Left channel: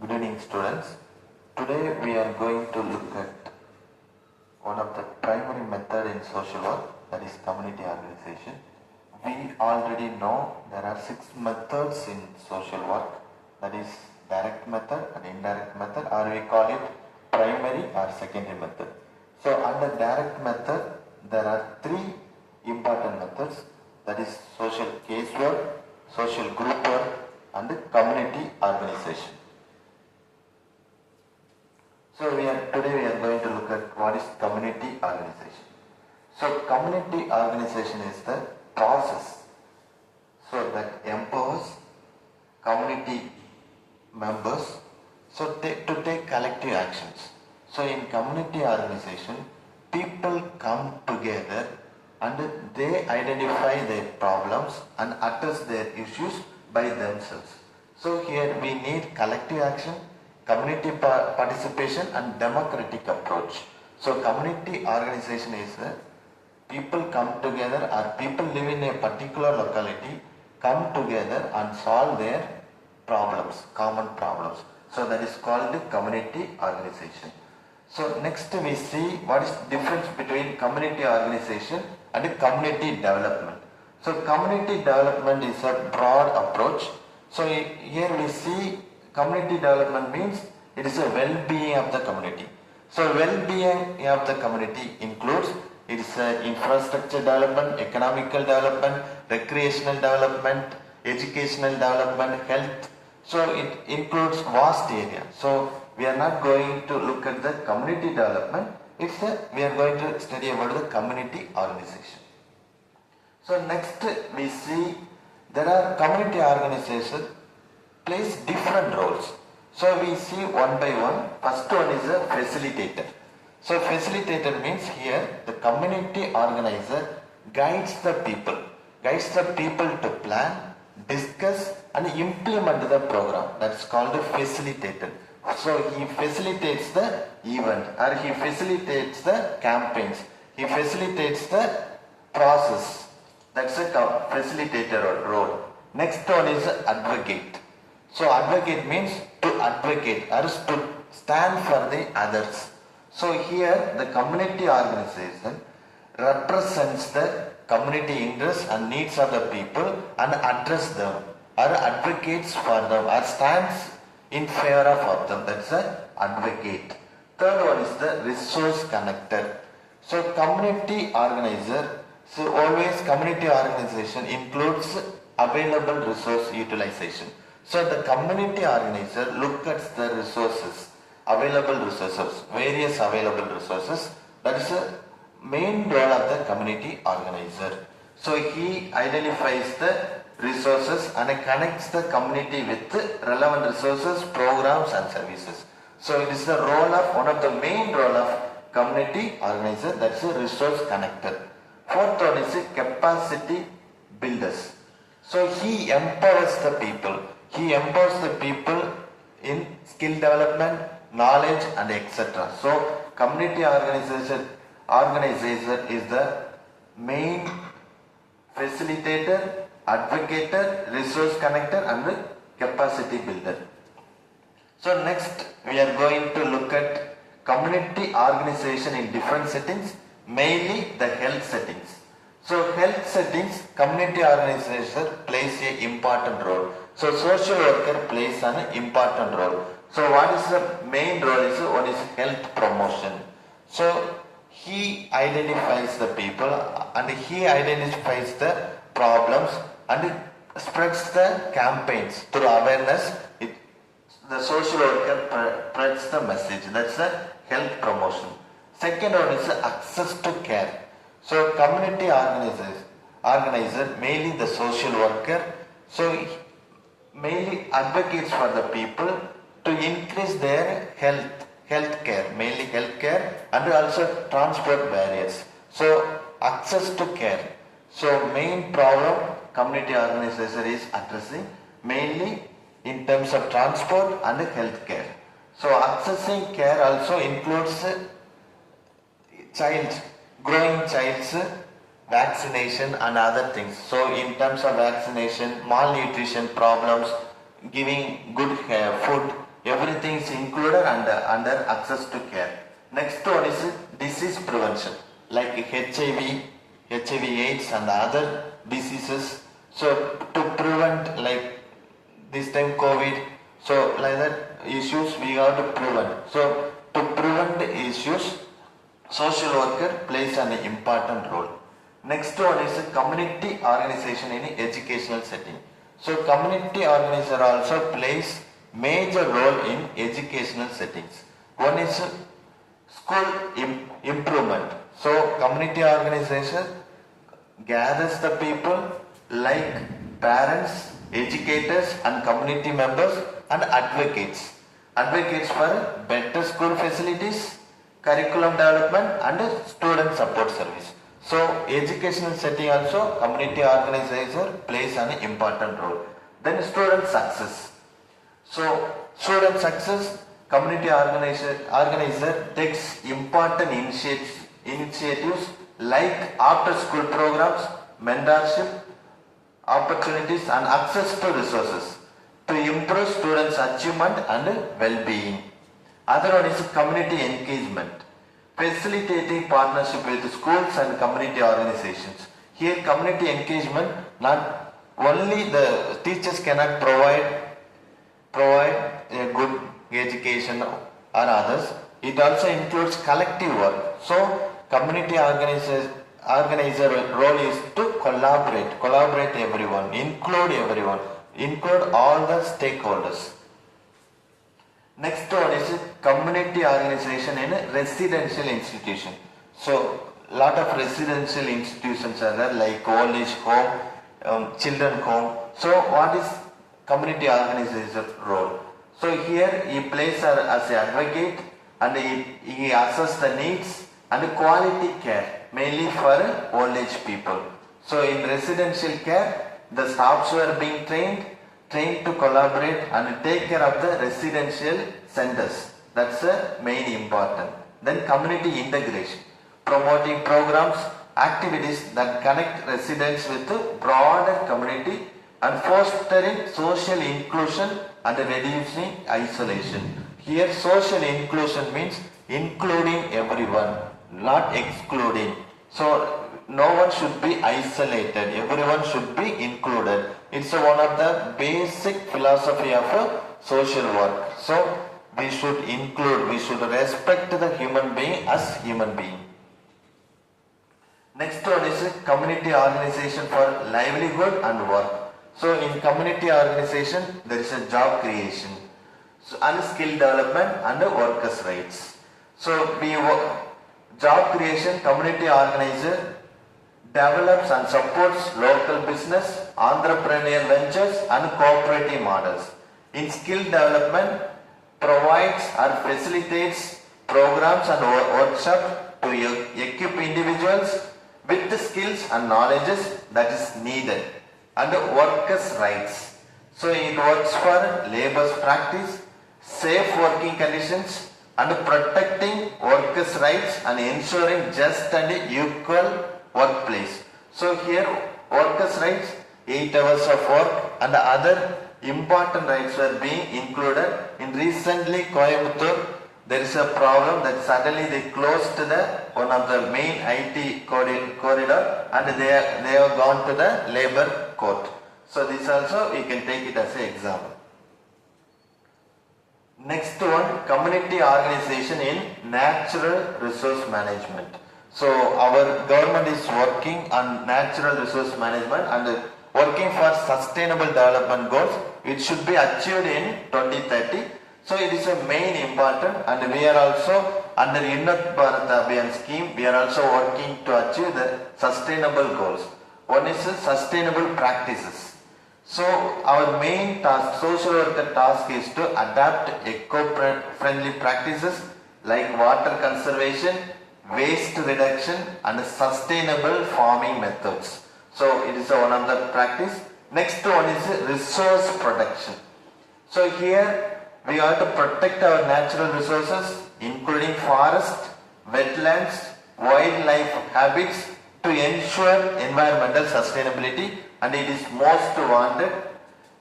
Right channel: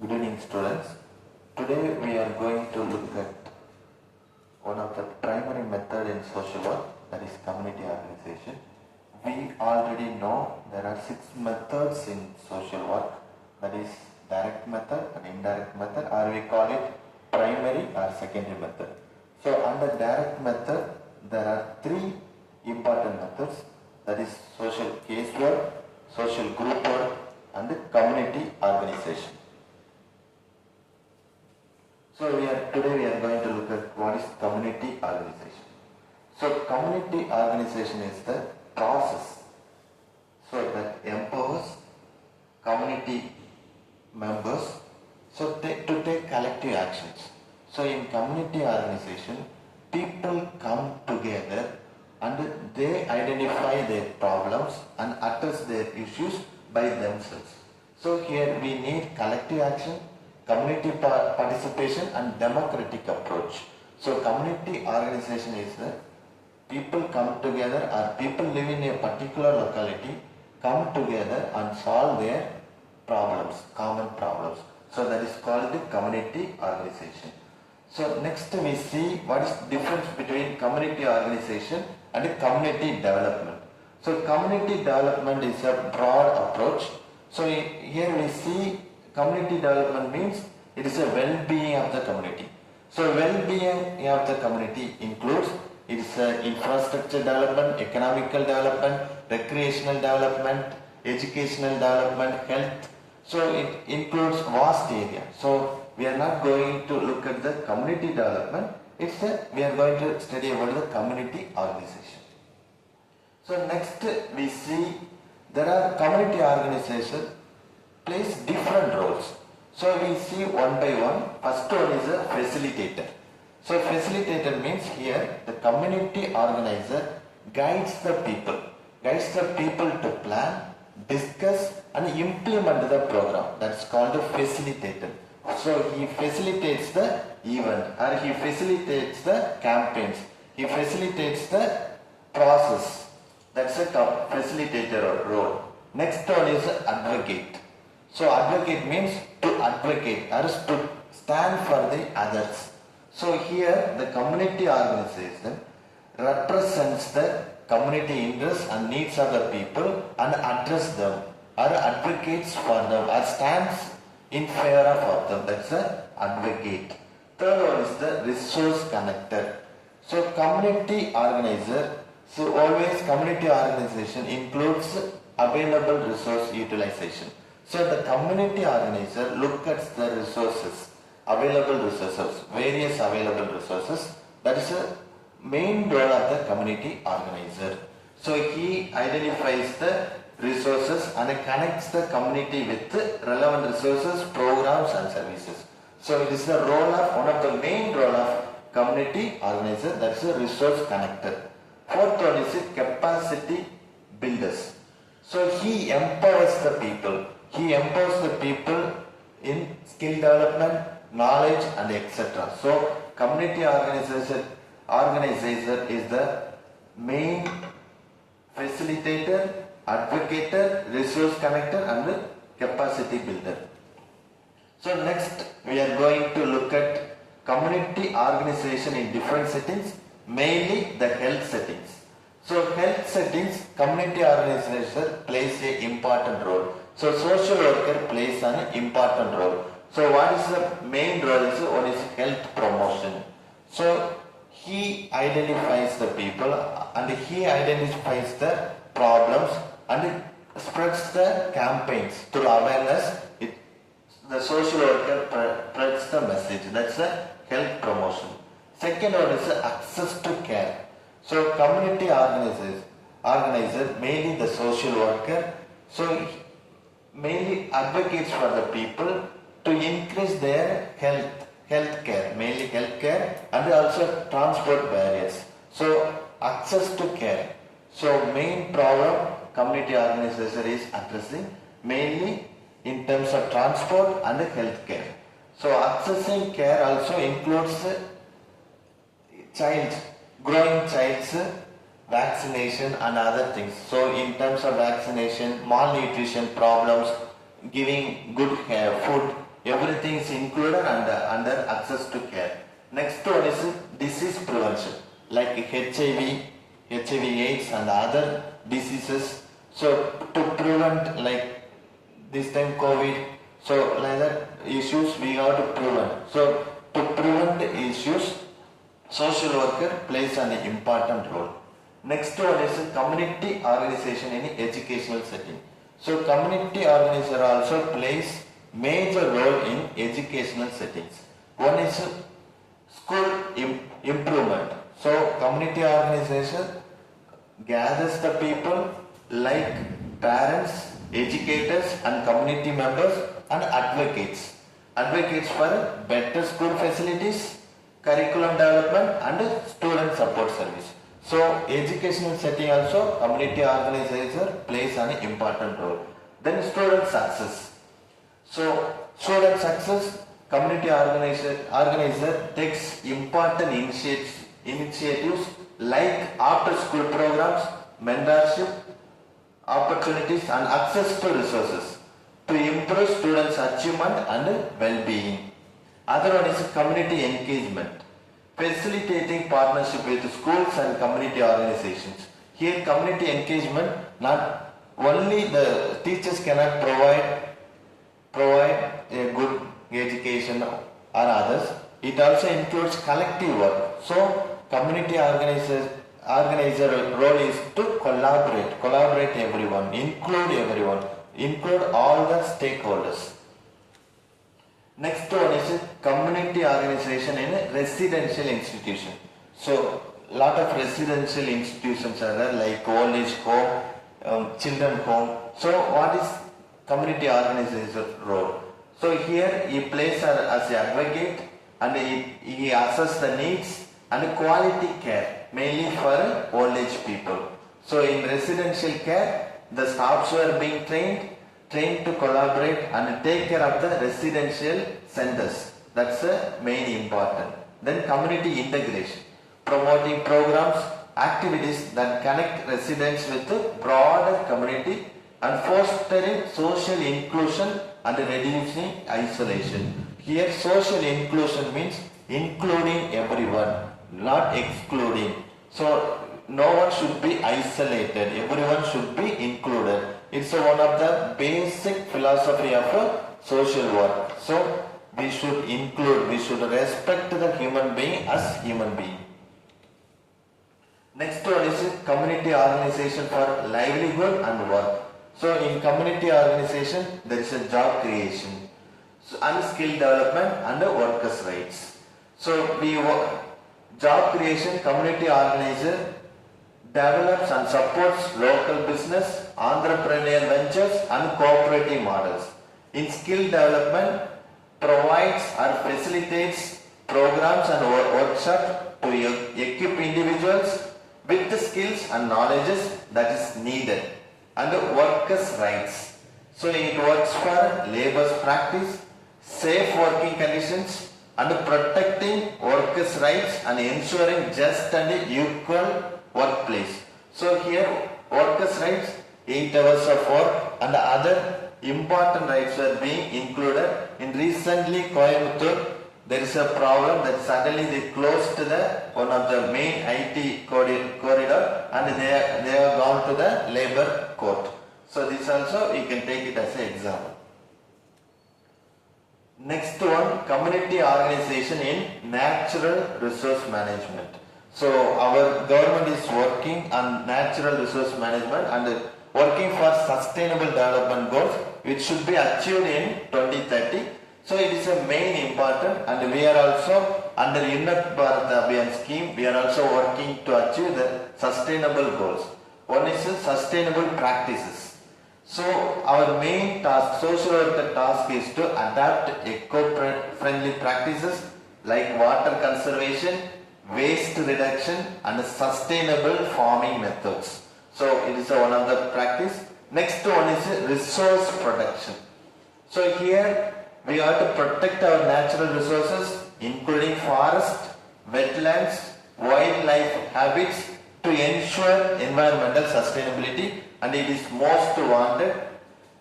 Good evening, students. Today we are going to look at one of the primary method in social work, that is community organization. We already know there are 6 methods in social work, that is direct method and indirect method, or we call it primary or secondary method. So under direct method there are 3 important methods, that is social casework, social group work and community organization. So today we are going to look at what is community organization. So community organization is the process that empowers community members to take collective actions. So in community organization, people come together and they identify their problems and address their issues by themselves. So here we need collective action, community participation and democratic approach. So community organization is people come together or people live in a particular locality come together and solve their problems, common problems. So that is called the community organization. So next we see what is difference between community organization and community development. So community development is a broad approach. So here we see community development means it is a well-being of the community. So well-being of the community includes infrastructure development, economical development, recreational development, educational development, health. So it includes vast area. So we are not going to look at the community development. We are going to study about the community organization. So next we see there are community organizations plays different roles. So we see one by one. First one is a facilitator. So facilitator means here the community organizer guides the people to plan, discuss and implement the program. That's called a facilitator. So he facilitates the event or he facilitates the campaigns. He facilitates the process. That's a facilitator role. Next one is advocate. So advocate means to advocate or to stand for the others. So here the community organization represents the community interests and needs of the people and address them or advocates for them or stands in favor of them. That's a advocate. Third one is the resource connector. So community organizer. So always community organization includes available resource utilization. So the community organizer looks at the resources, various available resources. That is the main role of the community organizer. So he identifies the resources and connects the community with relevant resources, programs and services. So it is the role of one of the main role of community organizer, that's a resource connector. Fourth one is capacity builders. So he empowers the people. He empowers the people in skill development, knowledge and etc. So community organizer is the main facilitator, advocator, resource connector and the capacity builder. So next we are going to look at community organization in different settings, mainly the health settings. So health settings, community organization plays an important role. So social worker plays an important role. So what is the main role is one is health promotion. So he identifies the people and he identifies the problems and spreads the campaigns through awareness. The social worker spreads the message. That's the health promotion. Second one is access to care. So community organizer, mainly the social worker, so mainly advocates for the people to increase their health care, mainly health care and also transport barriers. So access to care. So main problem community organizer is addressing mainly in terms of transport and health care. So accessing care also includes growing child's vaccination and other things. So in terms of vaccination, malnutrition problems, giving good food everything is included under access to care. Next one is disease prevention, like HIV AIDS and other diseases. So to prevent, like this time COVID, so like that issues we have to prevent. So to prevent the issues, social worker plays an important role. Next one is community organization in educational setting. So community organizer also plays major role in educational settings. One is school improvement. So community organization gathers the people like parents, educators and community members and advocates. Advocates for better school facilities, curriculum development and student support service. So educational setting also community organizer plays an important role. Then student success. So student success, community organizer takes important initiatives like after school programs, mentorship, opportunities and access to resources to improve students' achievement and well-being. Other one is community engagement, facilitating partnership with schools and community organizations. Here community engagement, not only the teachers cannot provide a good education or others, it also includes collective work. So community organizer role is to collaborate everyone, include all the stakeholders. Next one is community organization in a residential institution. So lot of residential institutions are there, like old age home, children home. So what is community organizer role? So here he plays as an advocate and he assesses the needs and quality care mainly for old age people. So in residential care, the staffs were being trained to collaborate and take care of the residential centers. That's the main important. Then community integration, promoting programs, activities that connect residents with the broader community and fostering social inclusion and reducing isolation. Here social inclusion means including everyone, not excluding. So no one should be isolated, everyone should be included. It's one of the basic philosophy of social work. So we should include, we should respect the human being as human being. Next one is community organization for livelihood and work. So in community organization there is a job creation, and skill development and workers' rights. So job creation, community organizer develops and supports local business, entrepreneurial ventures and cooperative models. In skill development, provides or facilitates programs and workshops to equip individuals with the skills and knowledges that is needed. And workers' rights. So it works for labor's practice, safe working conditions and protecting workers' rights and ensuring just and equal workplace. So here workers' rights, 8 hours of work and other important rights are being included. In recently Coimbatore, there is a problem that suddenly they closed one of the main IT corridor and they have gone to the labor court. So this also you can take it as an example. Next one, community organization in natural resource management. So our government is working on natural resource management and working for sustainable development goals which should be achieved in 2030. So it is a main important, and we are also under Unnat Bharat Abhiyan scheme, we are also working to achieve the sustainable goals. One is sustainable practices. So our main task, social worker task, is to adapt eco-friendly practices like water conservation, waste reduction and sustainable farming methods. So it is one of the practice. Next one is resource protection. So here we have to protect our natural resources including forest, wetlands, wildlife habits to ensure environmental sustainability, and it is most wanted.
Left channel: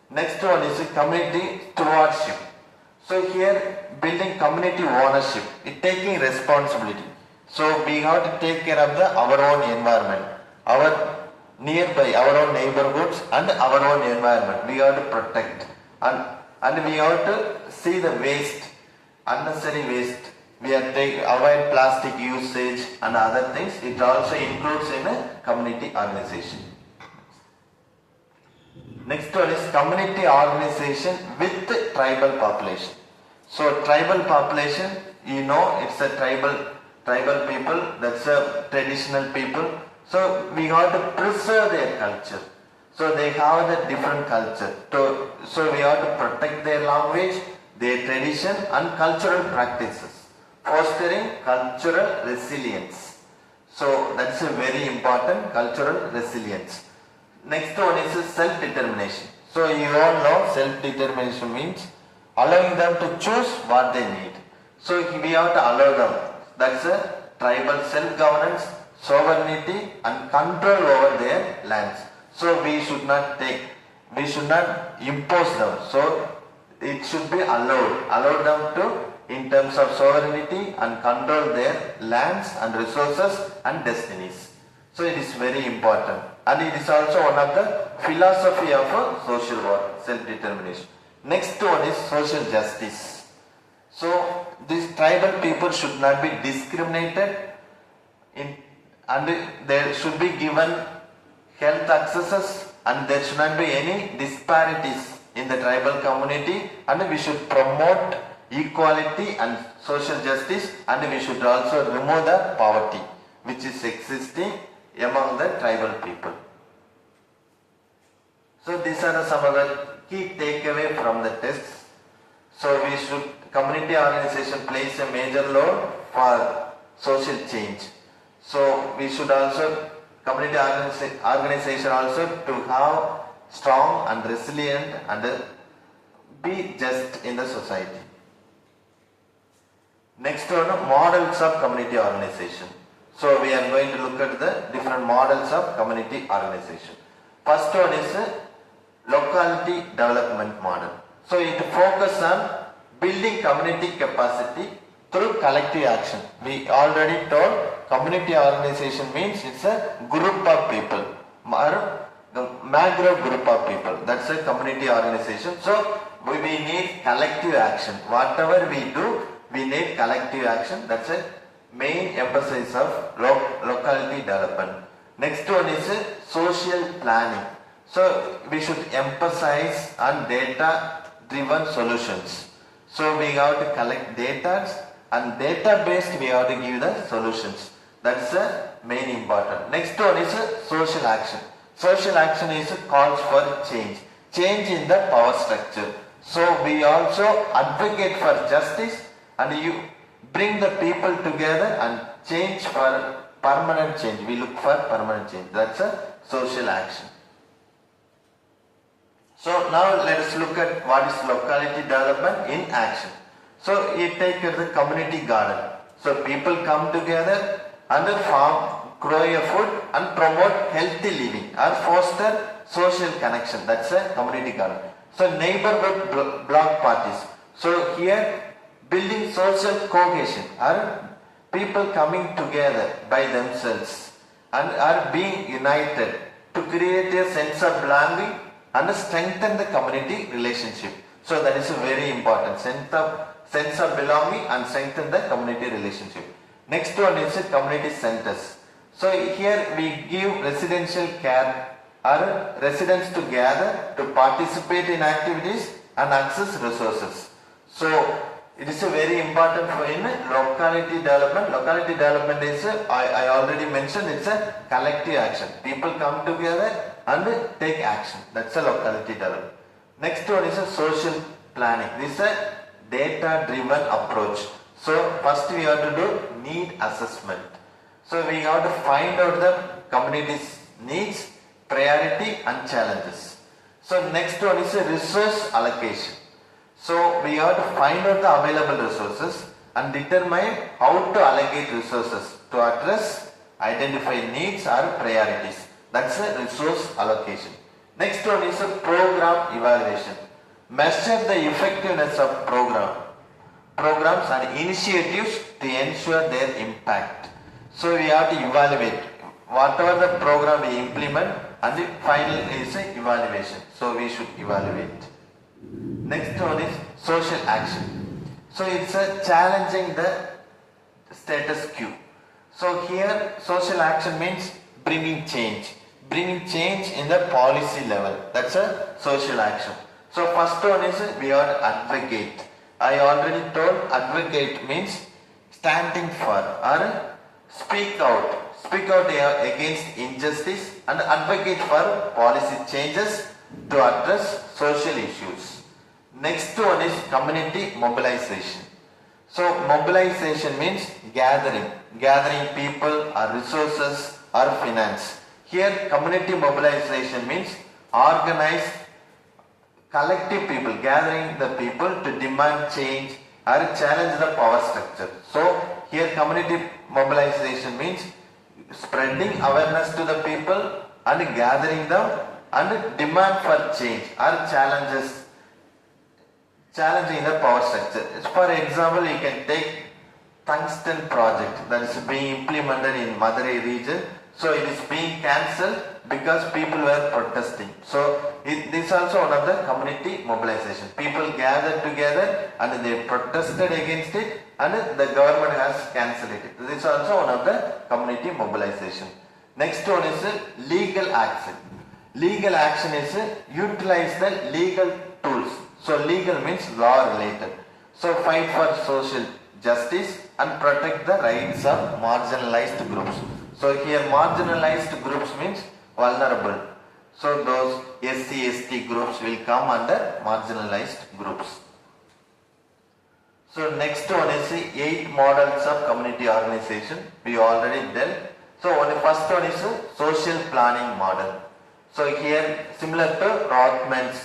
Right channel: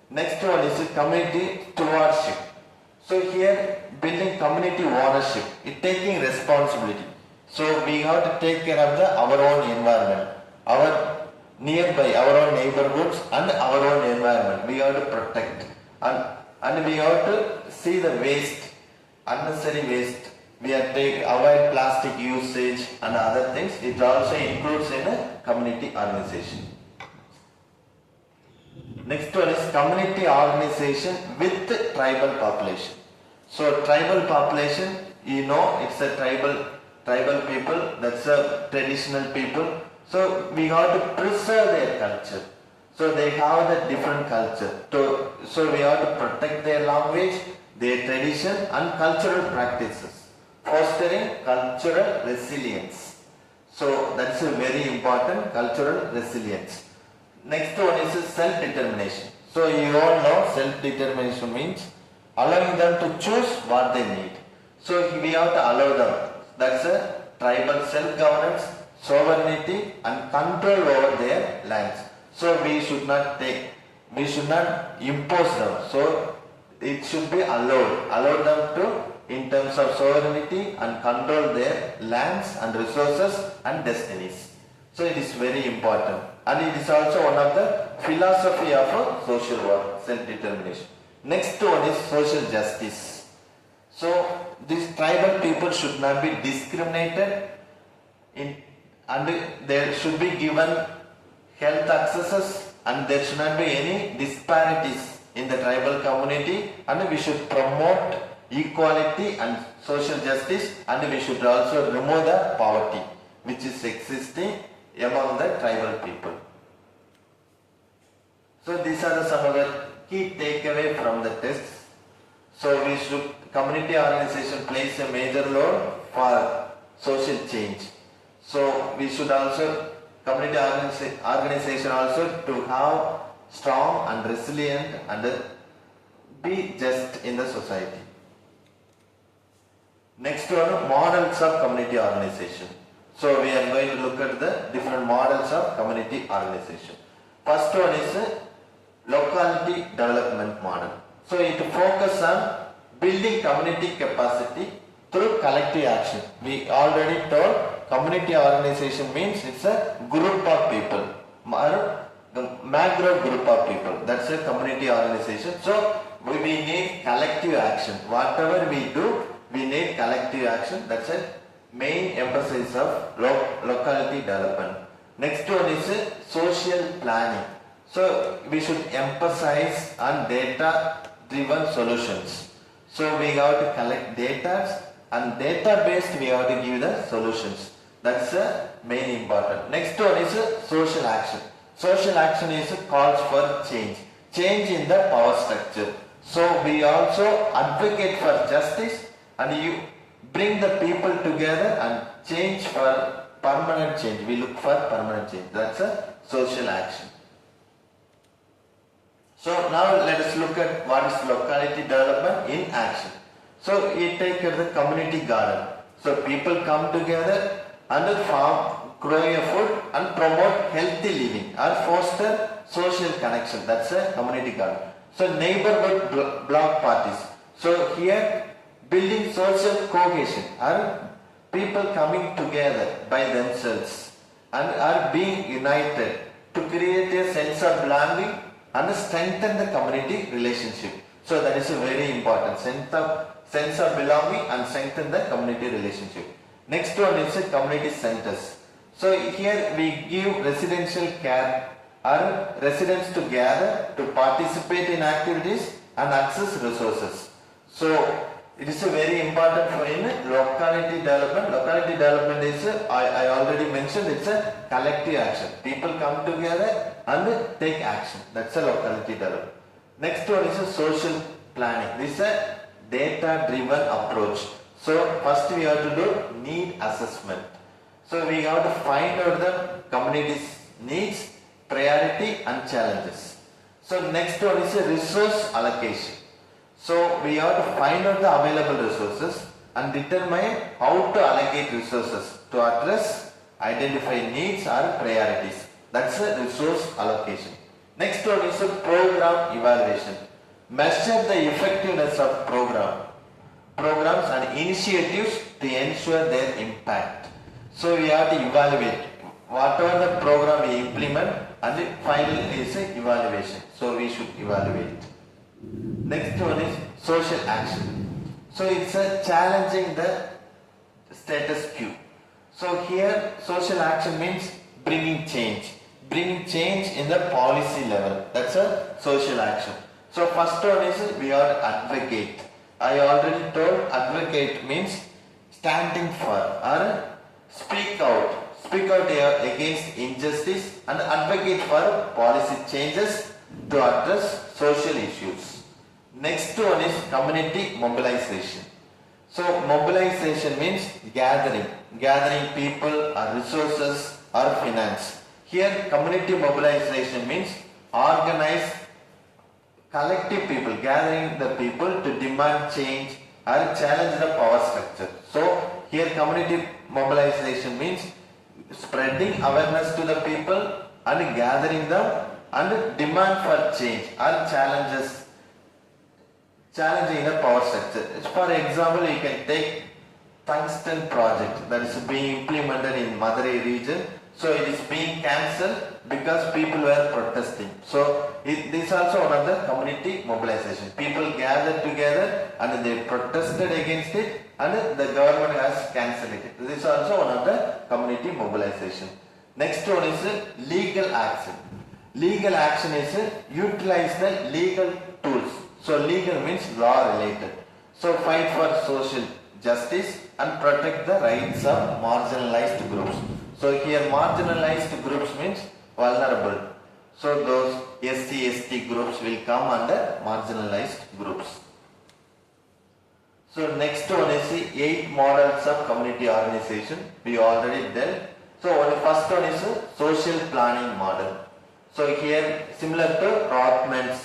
Next one is community stewardship. So here building community ownership, it taking responsibility. So we have to take care of our own environment, our nearby, our own neighborhoods and our own environment. We have to protect and we have to see the waste, unnecessary waste. We have to avoid plastic usage and other things. It also includes in a community organization. Next one is community organization with tribal population. So tribal population, you know, it's a tribal people, that's a traditional people. So we have to preserve their culture. So they have a different culture. So we have to protect their language, their tradition and cultural practices, fostering cultural resilience. So that's a very important, cultural resilience. Next one is self-determination. So you all know self-determination means allowing them to choose what they need. So we have to allow them. That's a tribal self-governance, sovereignty and control over their lands. So we should not impose them. So it should be allow them to, in terms of sovereignty and control their lands and resources and destinies. So it is very important. And it is also one of the philosophy of social work, self-determination. Next one is social justice. So these tribal people should not be discriminated and they should be given health accesses and there should not be any disparities in the tribal community, and we should promote equality and social justice, and we should also remove the poverty which is existing among the tribal people. So these are some of the key takeaway from the tests. So we should, community organization plays a major role for social change. So we should also, community organization also to have strong and resilient and be just in the society. Next one, models of community organization. So we are going to look at the different models of community organization. First one is locality development model. So it focuses on building community capacity through collective action. We already told community organization means it's a group of people or the macro group of people. That's a community organization. So we need collective action. Whatever we do, we need collective action. That's a main emphasis of locality development. Next one is social planning. So we should emphasize on data driven solutions. So we have to collect data and data based we have to give the solutions. That's the main important. Next one is social action. Social action is calls for change. Change in the power structure. So we also advocate for justice and you bring the people together and change for permanent change. We look for permanent change. That's a social action. So now let us look at what is locality development in action. So it takes the community garden. So people come together and farm, grow a food and promote healthy living or foster social connection. That's a community garden. So neighborhood block parties. So here building social cohesion are people coming together by themselves and are being united to create a sense of belonging and strengthen the community relationship. So that is a very important sense of belonging and strengthen the community relationship. Next one is community centers. So here we give residential care or residents to gather to participate in activities and access resources. So it is a very important for in locality development. Locality development is, I already mentioned, it's a collective action. People come together and take action. That's a locality development. Next one is a social planning. This is a data driven approach. So first we have to do need assessment. So we have to find out the community's needs, priority and challenges. So next one is a resource allocation. So we have to find out the available resources and determine how to allocate resources to address, identify needs or priorities. That's a resource allocation. Next one is a program evaluation. measure the effectiveness of programs and initiatives to ensure their impact. So we have to evaluate whatever the program we implement, and the final is a evaluation. So we should evaluate. Next one is social action. So it's a challenging the status quo. So here social action means bringing change in the policy level. That's a social action. So first one is we are advocate. I already told advocate means standing for or speak out against injustice and advocate for policy changes to address social issues. Next one is community mobilization. So mobilization means gathering people or resources or finance. Here community mobilization means organize collective people, gathering the people to demand change or challenge the power structure. So here community mobilization means spreading awareness to the people and gathering them and demand for change or challenging the power structure. For example, you can take tungsten project that is being implemented in Madurai region. So it is being cancelled because people were protesting. So this is also one of the community mobilization. People gathered together and they protested against it, and the government has cancelled it. This is also one of the community mobilization. Next one is legal action. Legal action is utilize the legal tools. So legal means law related. So fight for social justice and protect the rights of marginalized groups. So here marginalized groups means vulnerable. So those SC, ST groups will come under marginalized groups. So next one is the 8 models of community organization. We already dealt. So first one is a social planning model. So here similar to Rothman's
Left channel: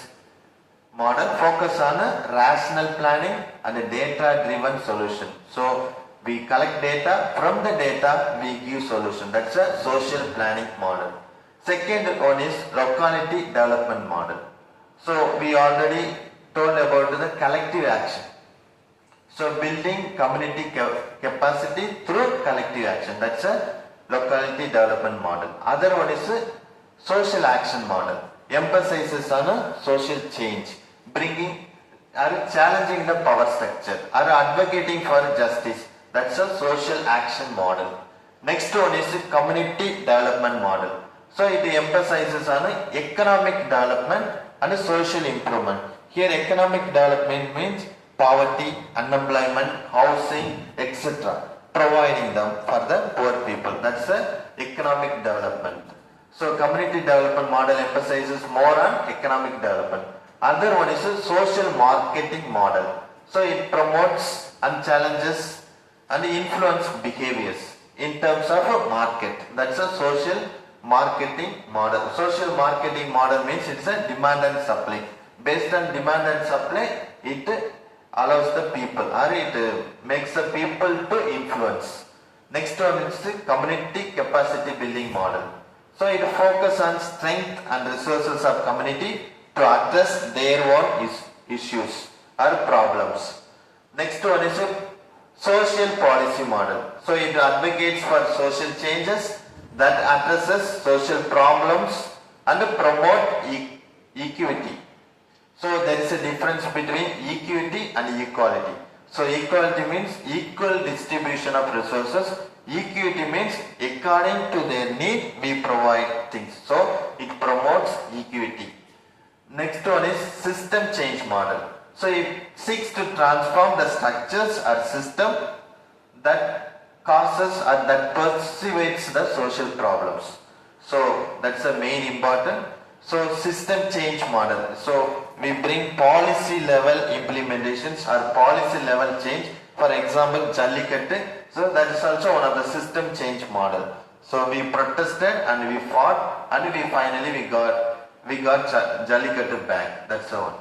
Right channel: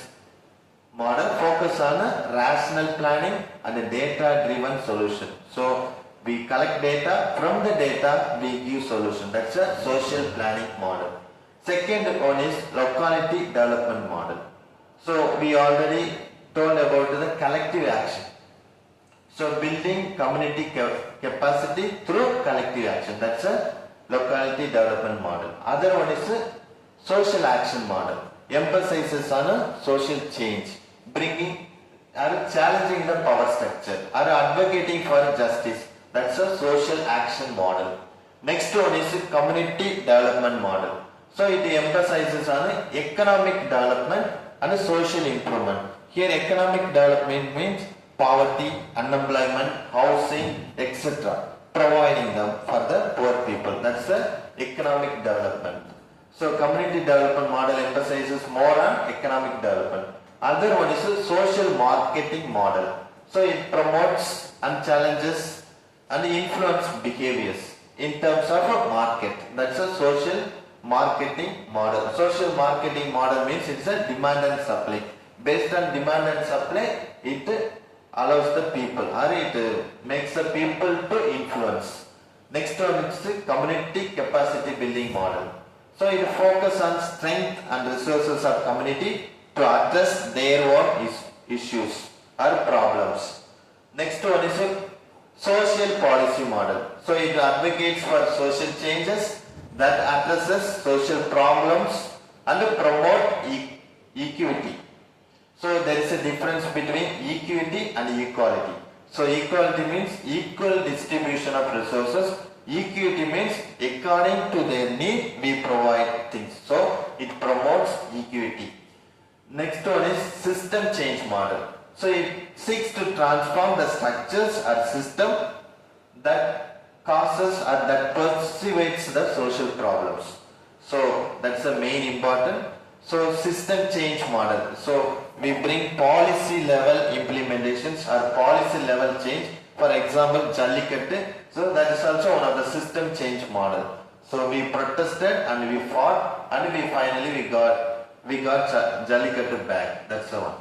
model, focus on a rational planning and a data driven solution. So we collect data, from the data we give solution. That's a social planning model. Second one is locality development model. So we already told about the collective action. So building community capacity through collective action. That's a locality development model. Other one is a social action model. Emphasizes on a social change, bringing or challenging the power structure or advocating for justice. That's a social action model. Next one is a community development model. So it emphasizes on economic development and social improvement. Here economic development means poverty, unemployment, housing, etc. Providing them for the poor people. That's the economic development. So community development model emphasizes more on economic development. Other one is a social marketing model. So it promotes and challenges and influence behaviors in terms of a market. That's a social marketing model. Social marketing model means it's a demand and supply. Based on demand and supply, it allows the people or it makes the people to influence. Next one is the community capacity building model. So it focuses on strength and resources of community to address their own issues or problems. Next one is a social policy model. So it advocates for social changes that addresses social problems and promote equity. So there is a difference between equity and equality. So equality means equal distribution of resources. Equity means according to their need we provide things. So it promotes equity. Next one is system change model. So it seeks to transform the structures or system that causes or that perpetuates the social problems. So that's the main important. So system change model. So we bring policy level implementations or policy level change. For example, Jallikattu. So that is also one of the system change model. So we protested and we fought and we finally got Jallikattu back. That's the one.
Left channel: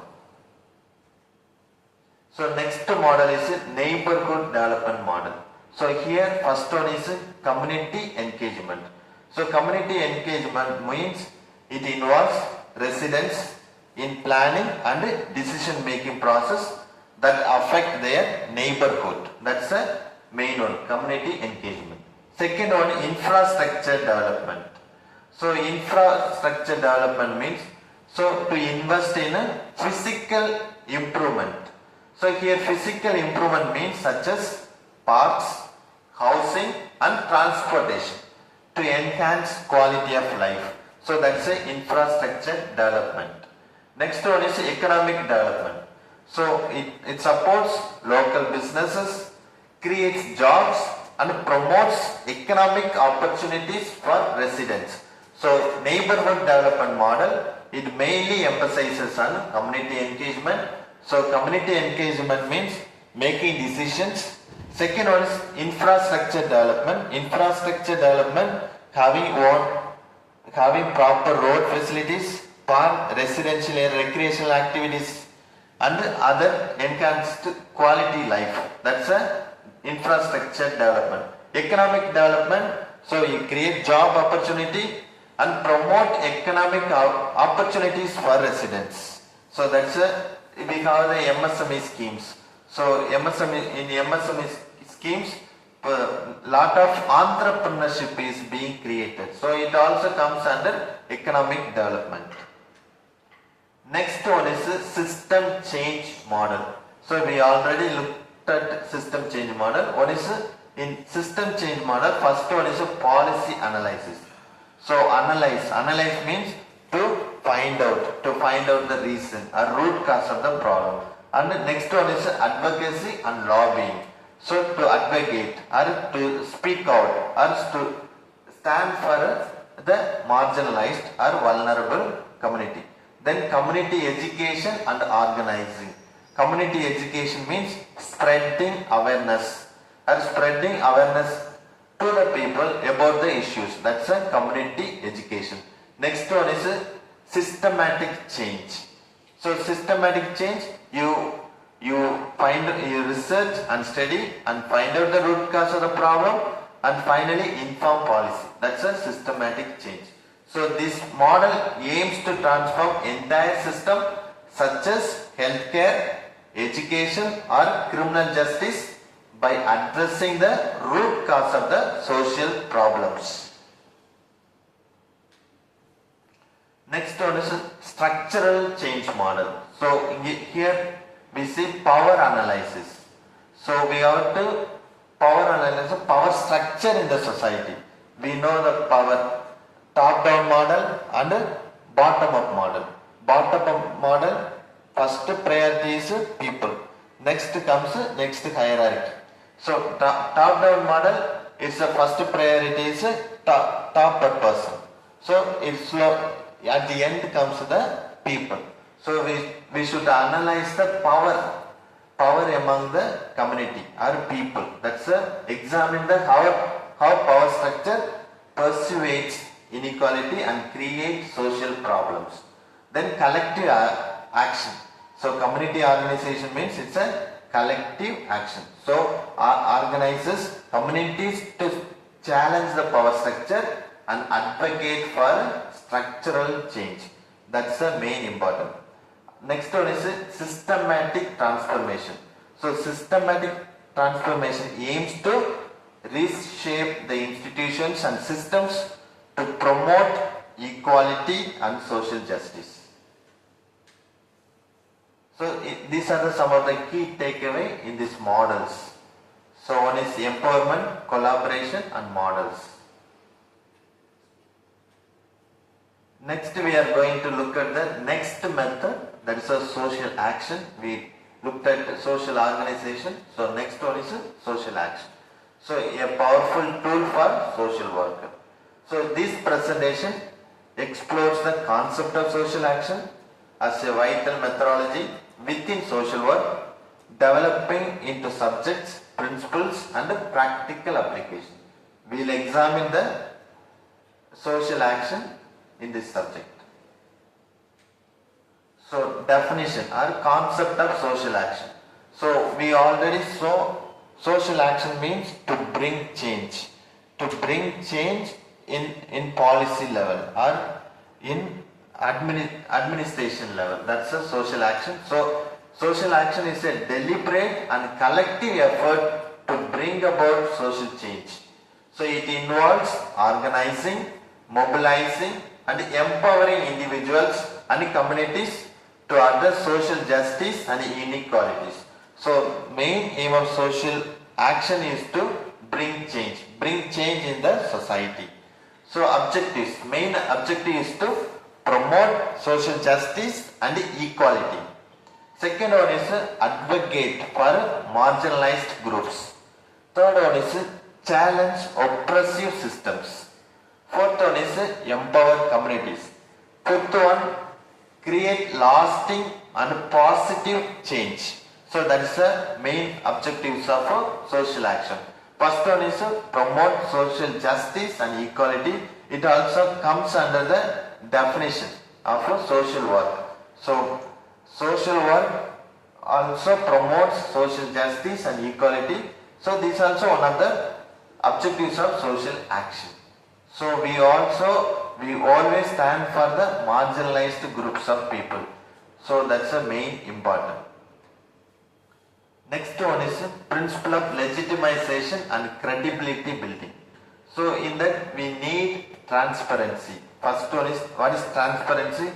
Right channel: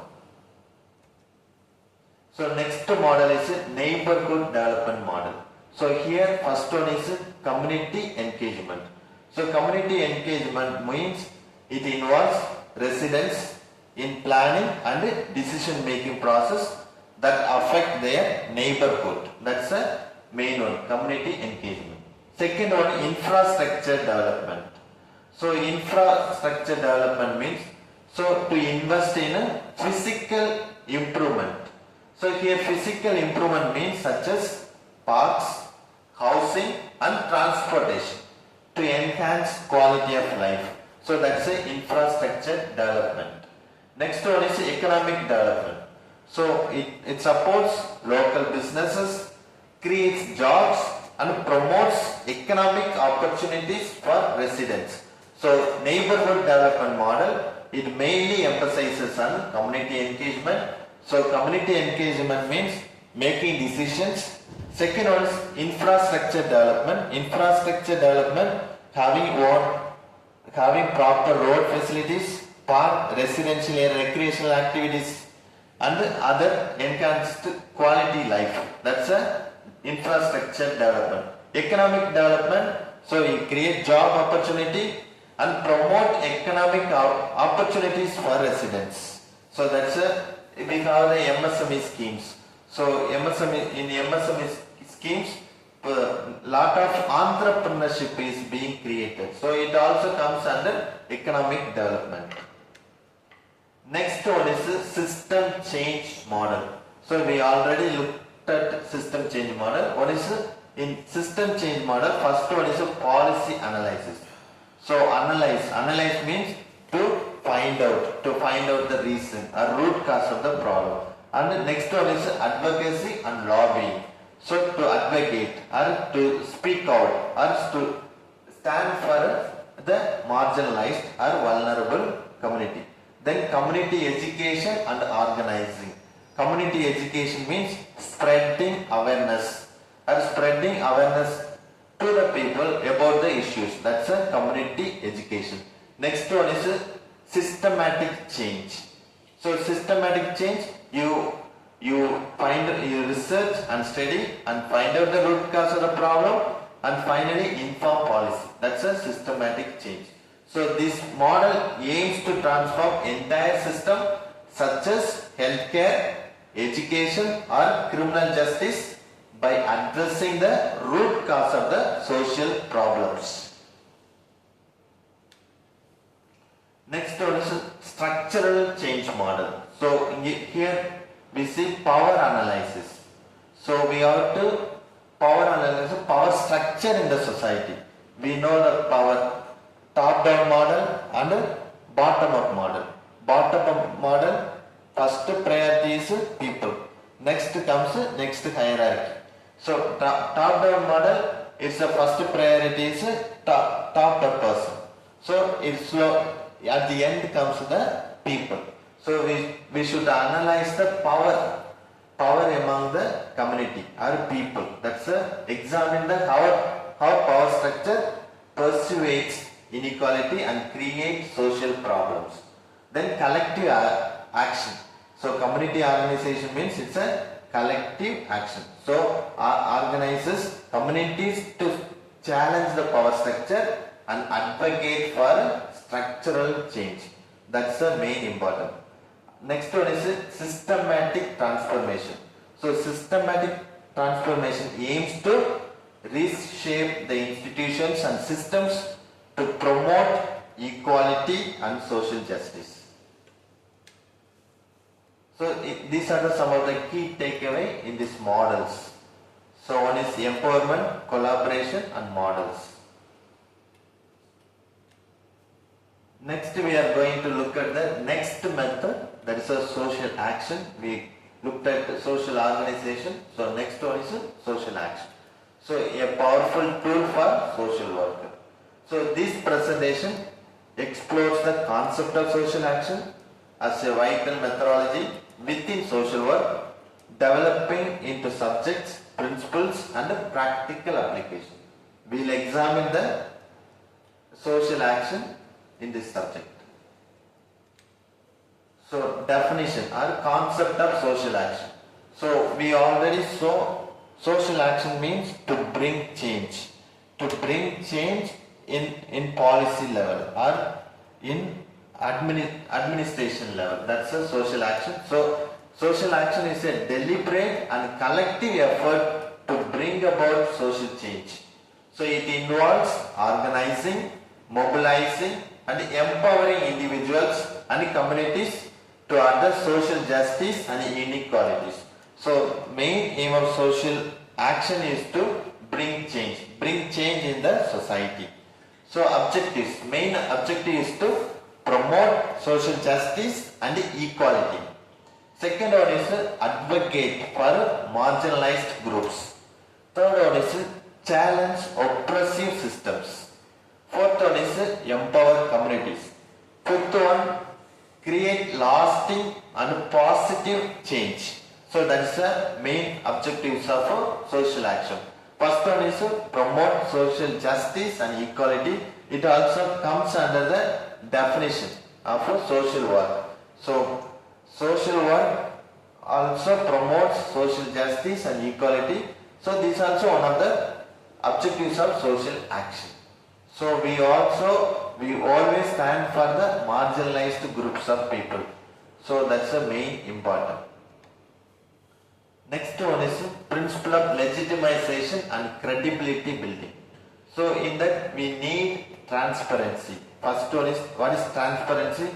So next model is a neighborhood development model. So here first one is community engagement. So community engagement means it involves residents, in planning and decision making process that affect their neighborhood. That's the main one, community engagement. Second one, infrastructure development. So infrastructure development means to invest in a physical improvement. So here physical improvement means such as parks, housing and transportation to enhance quality of life. So that's a infrastructure development. Next one is economic development. So it supports local businesses, creates jobs and promotes economic opportunities for residents. So neighborhood development model, it mainly emphasizes on community engagement. So community engagement means making decisions. Second one is infrastructure development. Infrastructure development having proper road facilities, park, residential and recreational activities and other enhanced quality life. That's a infrastructure development. Economic development, so you create job opportunity and promote economic opportunities for residents. So that's we have the MSME schemes. So in MSME schemes, lot of entrepreneurship is being created. So it also comes under economic development. Next one is the system change model. So we already looked at system change model. One is in system change model, first one is a policy analysis. So analyze means to find out the reason or root cause of the problem. And the next one is advocacy and lobbying. So to advocate or to speak out or to stand for the marginalized or vulnerable community. Then community education and organizing. Community education means spreading awareness to the people about the issues. That's a community education. Next one is systematic change. So systematic change, you research and study and find out the root cause of the problem and finally inform policy. That's a systematic change. So this model aims to transform entire system such as healthcare, education or criminal justice by addressing the root cause of the social problems. Next one is structural change model. So here we see power analysis. So we have to power analysis, power structure in the society. We know the power top-down model and bottom-up model. Bottom-up model, first priority is people. Next comes next hierarchy. So top-down model, it's the first priority is top per person. So it's slow. At the end comes the people. So we should analyze the power among the community or people. That's examine the how power structure persuades inequality and create social problems. Then collective action. So community organization means it's a collective action. So organizes communities to challenge the power structure and advocate for structural change. That's the main important. Next one is systematic transformation. So systematic transformation aims to reshape the institutions and systems to promote equality and social justice. So these are some of the key takeaway in these models. So one is empowerment, collaboration and models. Next we are going to look at the next method, that is a social action. We looked at social organization. So next one is a social action. So a powerful tool for social worker. So this presentation explores the concept of social action as a vital methodology within social work, developing into subjects, principles and practical application. We will examine the social action in this subject. So definition or concept of social action. So we already saw social action means to bring change. To bring change in policy level or in administration level. That's a social action. So social action is a deliberate and collective effort to bring about social change. So it involves organizing, mobilizing and empowering individuals and communities to address social justice and inequalities. So main aim of social action is to bring change in the society. So main objective is to promote social justice and equality. Second one is advocate for marginalized groups. Third one is challenge oppressive systems. Fourth one is empower communities. Fifth one, create lasting and positive change. So that is the main objectives of social action. First one is promote social justice and equality. It also comes under the definition of social work. So social work also promotes social justice and equality. So this is also one of the objectives of social action. So we always stand for the marginalized groups of people. So that's the main important. Next one is principle of legitimization and credibility building. So in that we need transparency. First one is, what is transparency?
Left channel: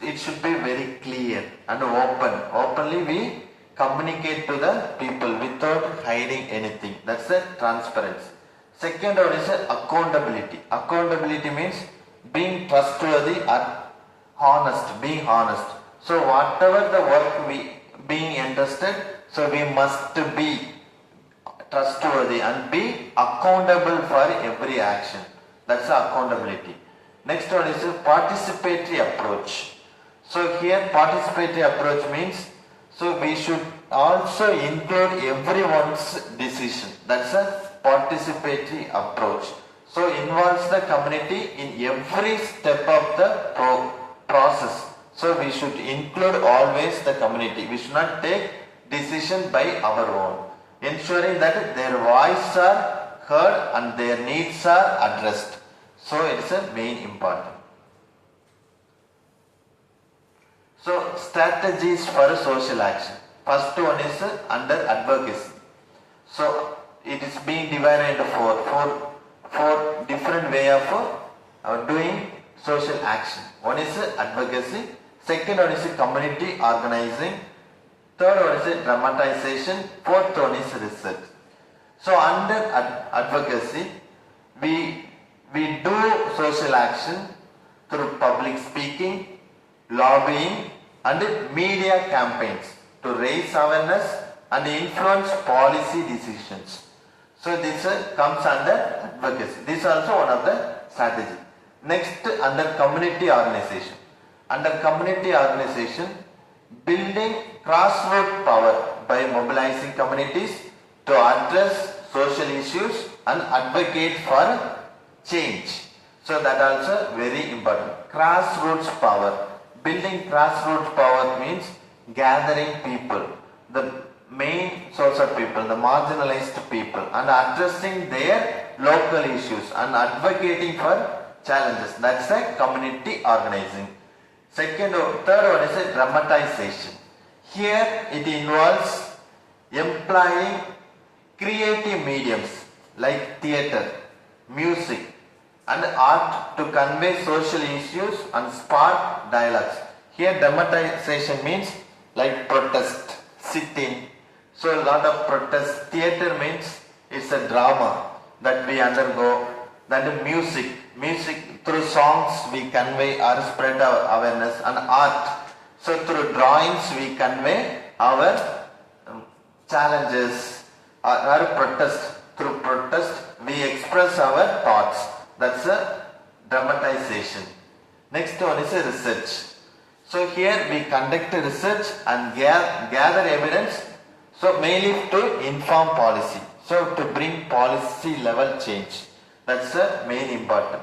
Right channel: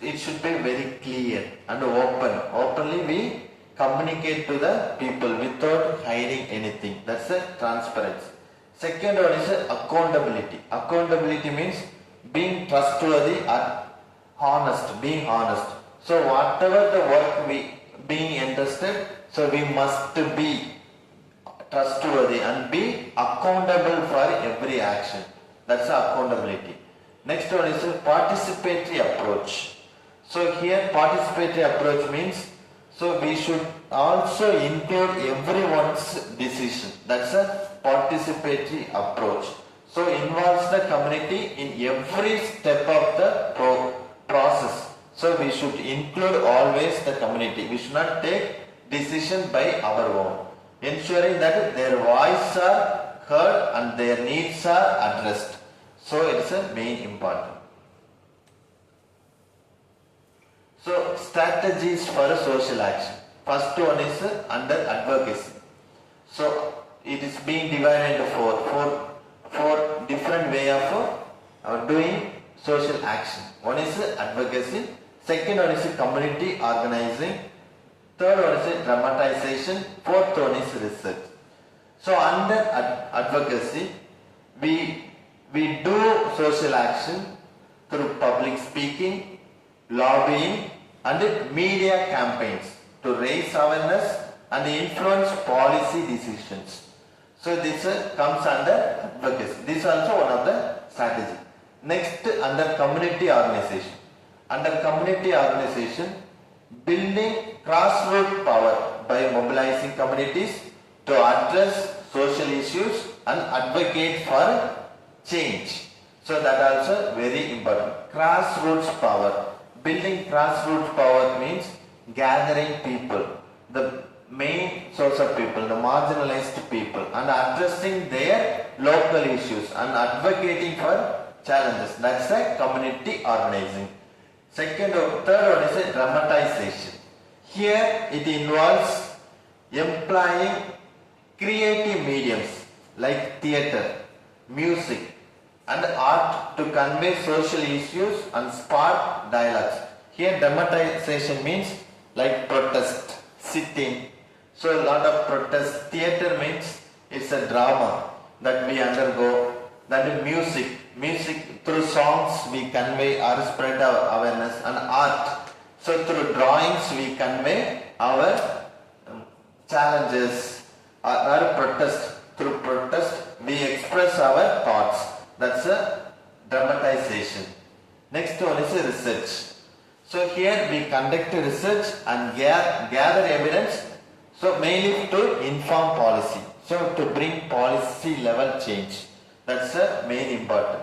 It should be very clear and open. Openly we communicate to the people without hiding anything. That's the transparency. Second one is accountability. Accountability means being trustworthy and honest, being honest. So whatever the work we being entrusted, so we must be trustworthy and be accountable for every action. That's accountability. Next one is a participatory approach. So here participatory approach means, so we should also include everyone's decision. That's a participatory approach. So involves the community in every step of the process. So we should include always the community. We should not take decision by our own. Ensuring that their voice are heard and their needs are addressed. So it's a main important. So strategies for social action. First one is under advocacy. So it is being divided into four different way of doing social action. One is advocacy. Second one is community organizing. Third one is dramatization. Fourth one is research. So under advocacy, we do social action through public speaking, lobbying and media campaigns to raise awareness and influence policy decisions. So this comes under advocacy. This is also one of the strategies. Next, under community organization. Under community organization, building grassroots power by mobilizing communities to address social issues and advocate for change. So that also very important. Grassroots power. Building grassroots power means gathering people, the main source of people, the marginalized people, and addressing their local issues and advocating for challenges. That's a community organizing. Third one is a dramatization. Here it involves employing creative mediums like theatre, music and art to convey social issues and spark dialogues. Here dramatization means like protest, sit-in. So a lot of protest. Theatre means it's a drama that we undergo. Then music through songs we convey or spread our awareness, and art. So through drawings we convey our challenges, or protest. Through protest we express our thoughts. That's a dramatization. Next one is a research. So here we conduct research and gather evidence. So mainly to inform policy. So to bring policy level change. That's the main important.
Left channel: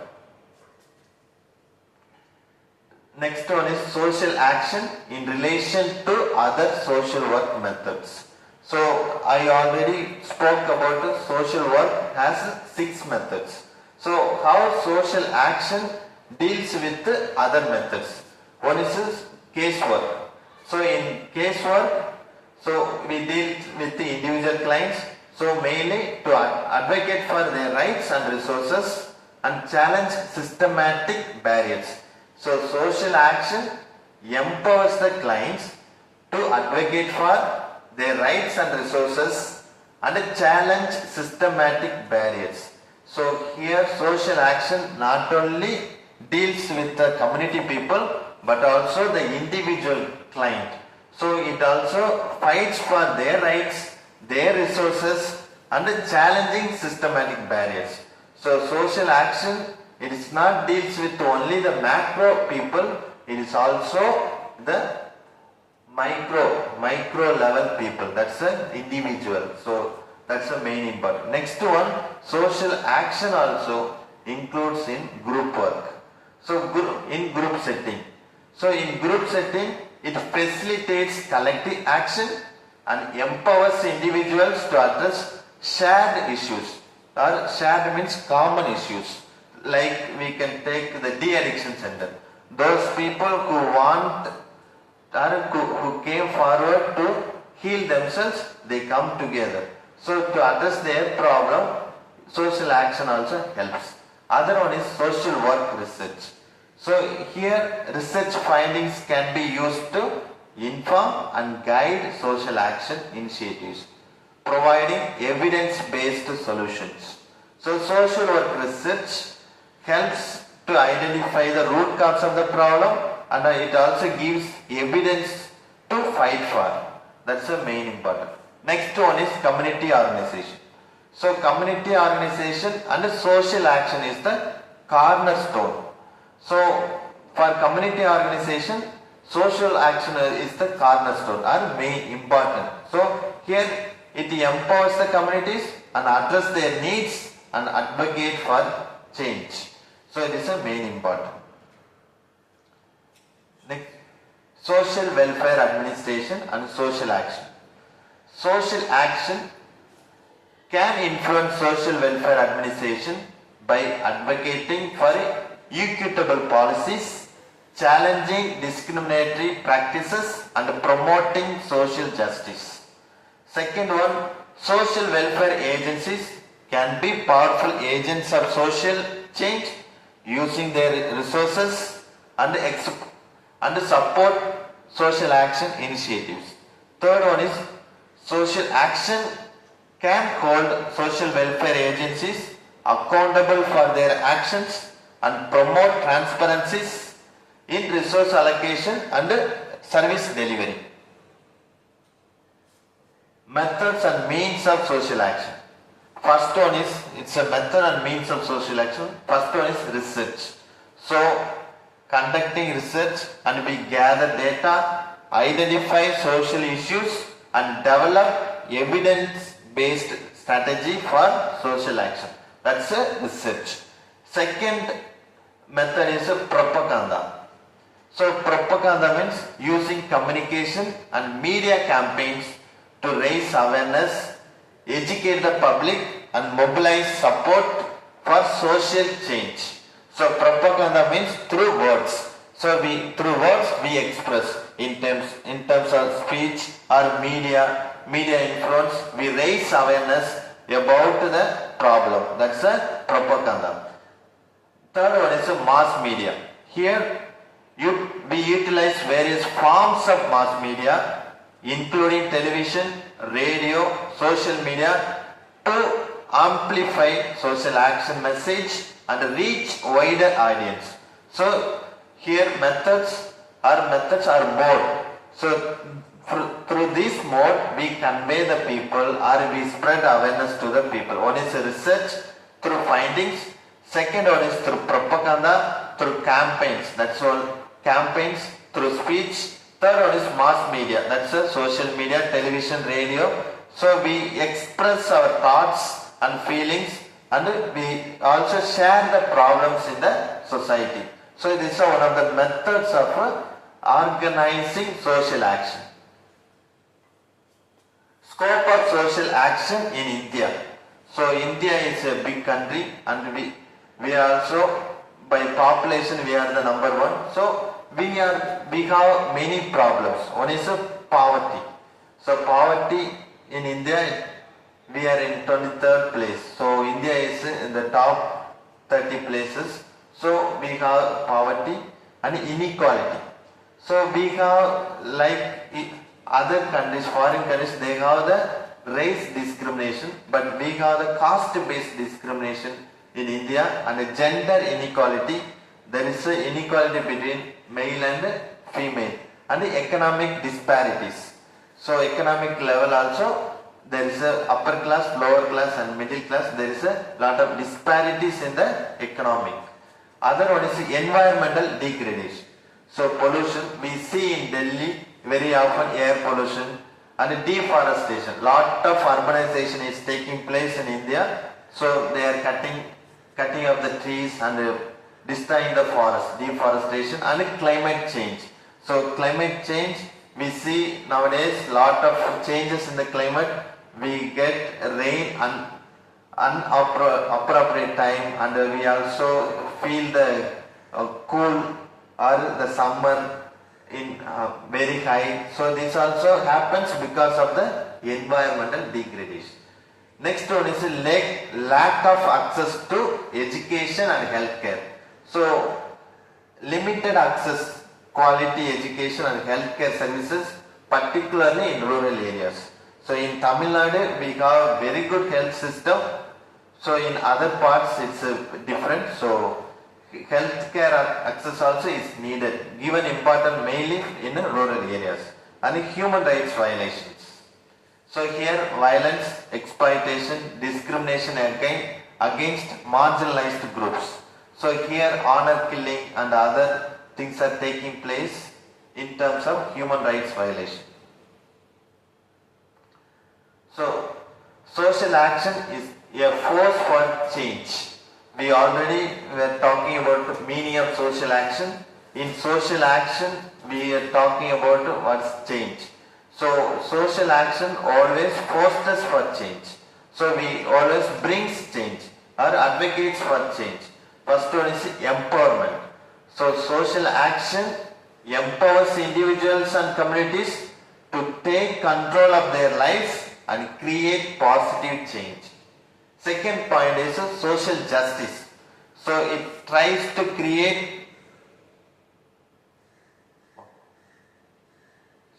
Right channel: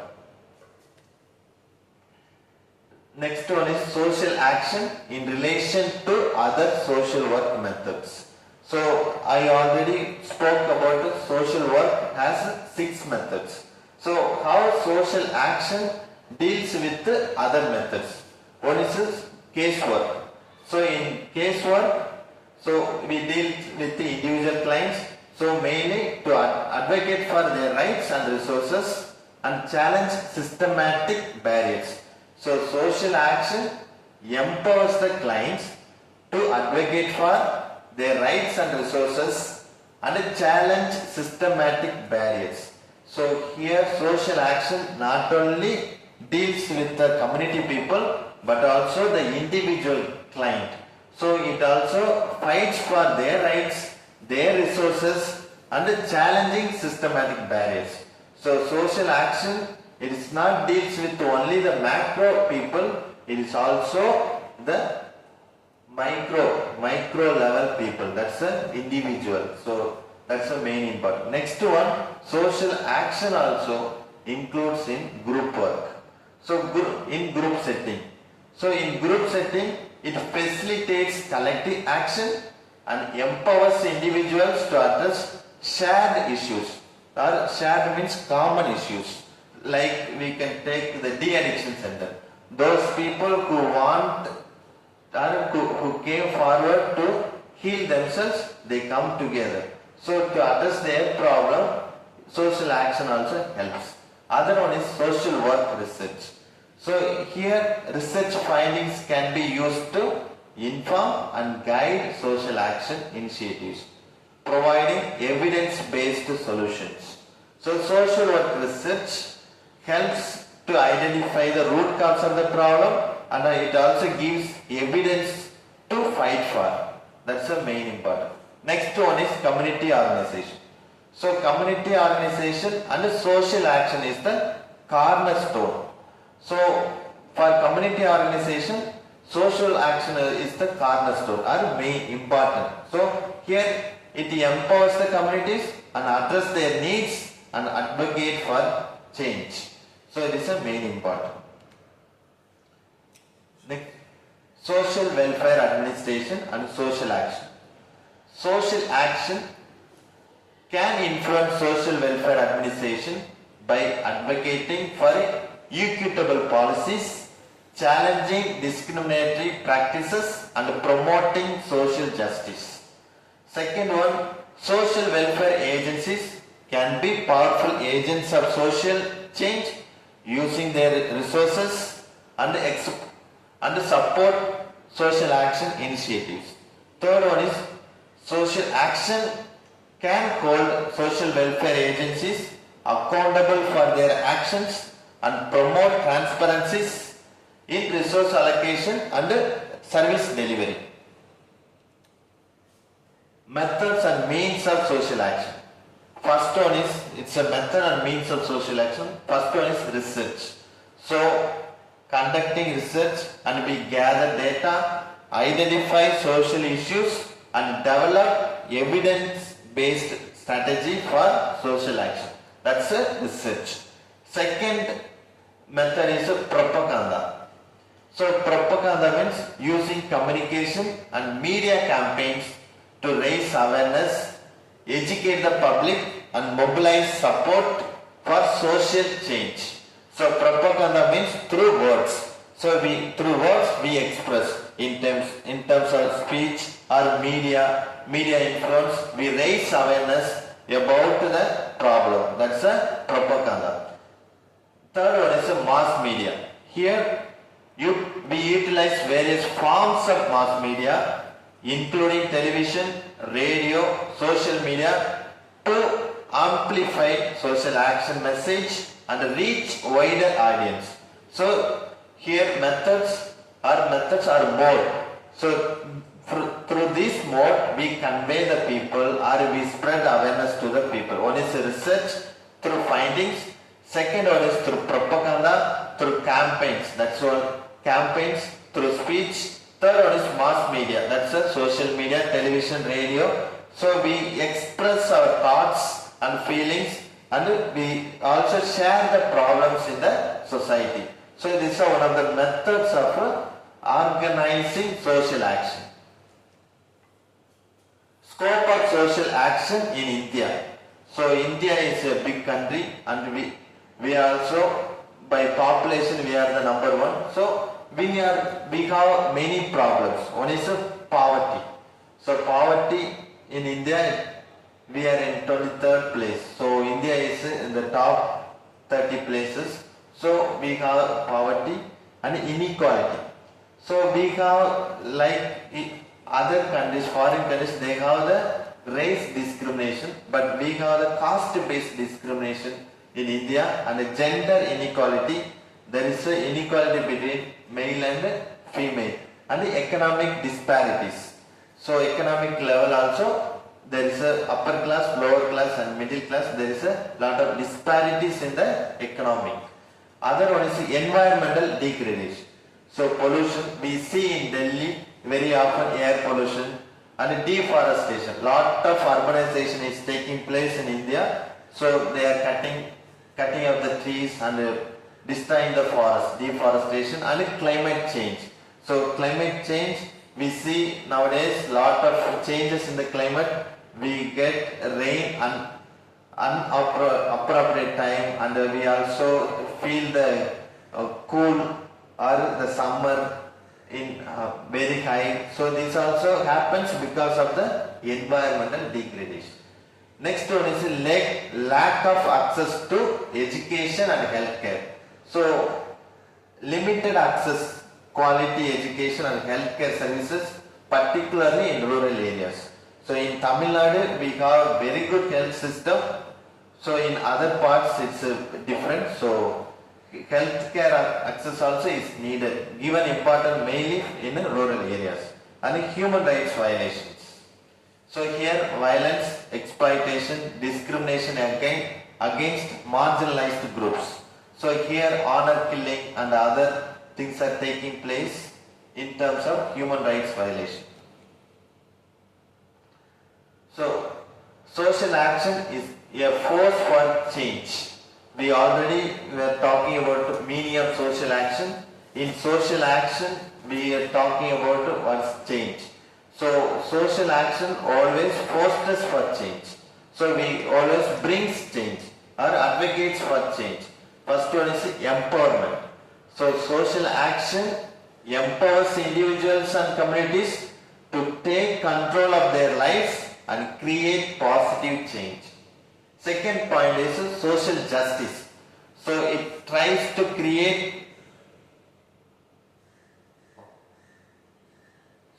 Next one is social action in relation to other social work methods. So I already spoke about the social work has 6 methods. So how social action deals with other methods. One is casework. So in casework, so we deal with the individual clients, so mainly to advocate for their rights and resources and challenge systematic barriers. So social action empowers the clients to advocate for their rights and resources and challenge systematic barriers. So here social action not only deals with the community people but also the individual client. So it also fights for their rights, their resources and challenging systematic barriers. So social action, it is not deals with only the macro people, it is also the micro level people, that's the individual. So that's the main important. Next one, social action also includes in group work. So in group setting. So in group setting, it facilitates collective action and empowers individuals to address shared issues, or shared means common issues. Like we can take the de-addiction center. Those people who want or who came forward to heal themselves, they come together. So to address their problem, social action also helps. Other one is social work research. So here research findings can be used to inform and guide social action initiatives, providing evidence-based solutions. So social work research helps to identify the root cause of the problem and it also gives evidence to fight for. That's the main important. Next one is community organization. So community organization and social action is the cornerstone. So for community organization, social action is the cornerstone or main important. So here it empowers the communities and address their needs and advocate for change. So it is a main important. Next, social welfare administration and social action. Social action can influence social welfare administration by advocating for equitable policies, challenging discriminatory practices and promoting social justice. Second one, social welfare agencies can be powerful agents of social change using their resources and support social action initiatives. Third one is social action can hold social welfare agencies accountable for their actions and promote transparencies in resource allocation and service delivery. Methods and means of social action. First one is, it's a method and means of social action. First one is research. So, conducting research and we gather data, identify social issues and develop evidence-based strategy for social action. That's a research. Second method is a propaganda. So propaganda means using communication and media campaigns to raise awareness, educate the public and mobilize support for social change. So propaganda means through words. So through words we express in terms of speech or media influence, we raise awareness about the problem. That's a propaganda. Third one is a mass media. Here we utilize various forms of mass media including television, radio, social media to amplify social action message and reach wider audience. So here methods are more. So through this mode we convey the people or we spread awareness to the people. One is research through findings. Second one is through propaganda, through campaigns. That's all. Campaigns through speech. Third one is mass media. That's a social media, television, radio. So we express our thoughts and feelings and we also share the problems in the society. So this is one of the methods of organizing social action. Scope of social action in India. So India is a big country and we also by population we are the number one. So we have many problems. One is poverty. So poverty in India, we are in 23rd place. So India is in the top 30 places. So we have poverty and inequality. So we have other countries, foreign countries, they have the race discrimination, but we have the caste-based discrimination in India, and the gender inequality. There is an inequality between male and female, and the economic disparities. So economic level also, there is a upper class, lower class and middle class. There is a lot of disparities in the economic. Other one is environmental degradation. So pollution, we see in Delhi very often air pollution and deforestation. Lot of urbanization is taking place in India. So they are cutting of the trees and destroying the forest, deforestation and climate change. So climate change, we see nowadays lot of changes in the climate. We get rain and unappropriate time, and we also feel the cool or the summer in very high. So this also happens because of the environmental degradation. Next one is lack of access to education and healthcare. So limited access, quality education and healthcare services, particularly in rural areas. So in Tamil Nadu we have very good health system. So in other parts it's different. So healthcare access also is needed, given important mainly in rural areas. And human rights violations. So here violence, exploitation, discrimination against marginalized groups. So here honor killing and other things are taking place in terms of human rights violation. So social action is a force for change. We already were talking about the meaning of social action. In social action, we are talking about what's change. So social action always fosters for change. So we always brings change or advocates for change. First one is empowerment. So social action empowers individuals and communities to take control of their lives and create positive change. Second point is social justice. So it tries to create.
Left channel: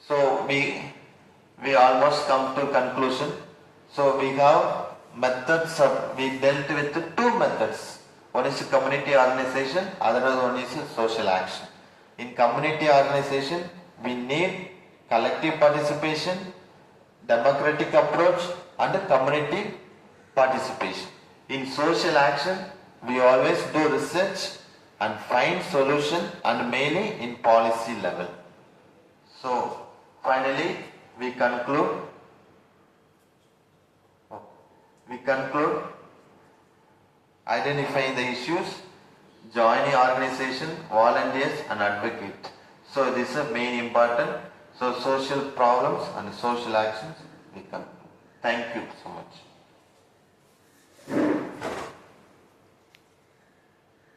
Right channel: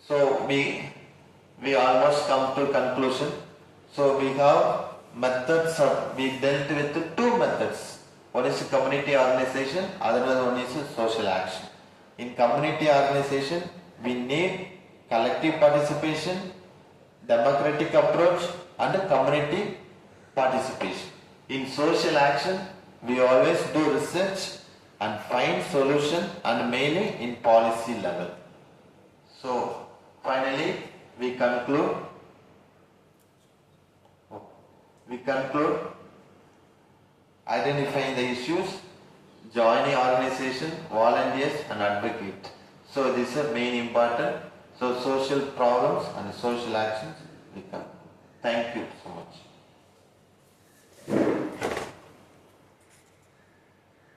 So we almost come to conclusion. So we have methods we dealt with two methods. One is community organization, other one is social action. In community organization, we need collective participation, democratic approach and community participation. In social action, we always do research and find solution, and mainly in policy level. So finally we conclude identifying the issues, joining organization, volunteers and advocate. So this is main important. So social problems and social actions we conclude. Thank you so much.